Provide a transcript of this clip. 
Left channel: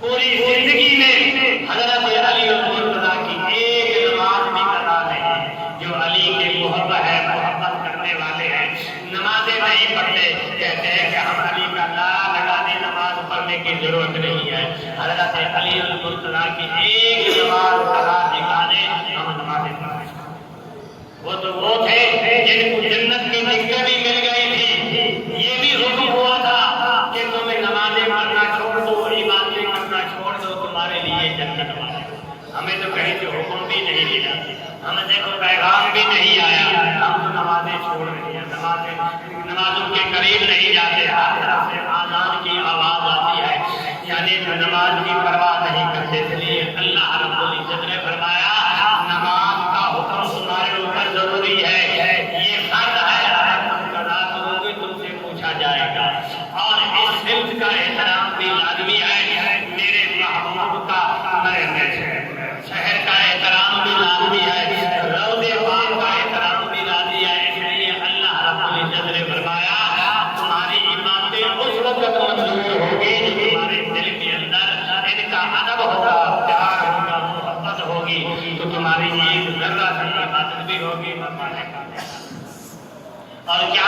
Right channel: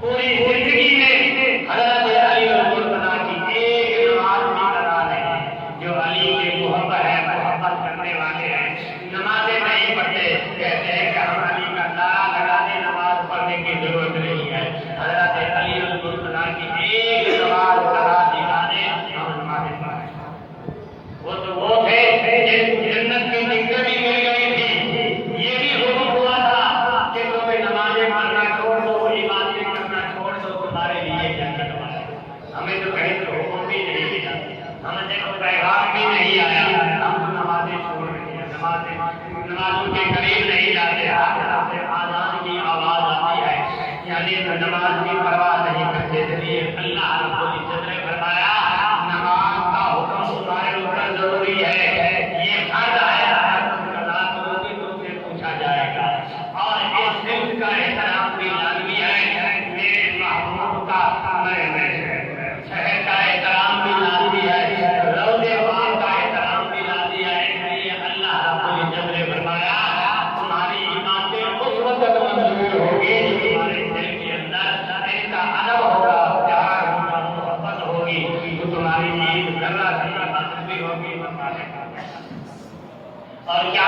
پوری زندگی میں حضرت علی المرتضیٰ کی ایک نماز بھی کرا نہیں. جو علی کے محبت کرنے والے ہیں نمازیں نہیں پڑھتے، کہتے ہیں کہ ہم علی کا نام لگانے نماز پڑھنے کی ضرورت نہیں ہے. حضرت علی المرتضیٰ کی ایک نماز کرا دکھانے ہم نمازیں پڑھیں. وہ تو وہ تھے جن کو جنت کی ٹکٹ بھی مل گئی تھی. یہ بھی حکم ہوا تھا کہ تمہیں نمازیں پڑھنا چھوڑ دو، عبادتیں کرنا چھوڑ دو، تمہارے لیے جنت ہے. ہمیں تو کہیں سے حکم بھی نہیں ملا، ہمیں دیکھو پیغام بھی نہیں آیا، ہم تو نمازیں چھوڑ رہے ہیں، نمازوں کے قریب نہیں جاتے. ہر طرف سے آزان کی آواز آتی ہے، یعنی نماز کی پرواہ نہیں کرتے. اس لیے اللہ رب العزت نے فرمایا نماز کا حکم تمہارے اوپر ضروری ہے. یہ فرض ہے، اگر تم قضا کرو گے تم سے پوچھا جائے گا. اور اس صفت کا احترام بھی لازمی ہے. میرے محبوب کا شہر کا احترام بھی لازمی ہے، روضے پاک کا احترام بھی لازمی ہے. اس لیے اللہ رب العزت نے فرمایا تمہاری عبادتیں اس وقت منظور ہوگی جب تمہارے دل کے اندر ان کا ادب ہوگا، پیار ہوگا، محبت ہوگی، تو تمہاری ایک ذرہ سی عبادت بھی ہوگی. اور کیا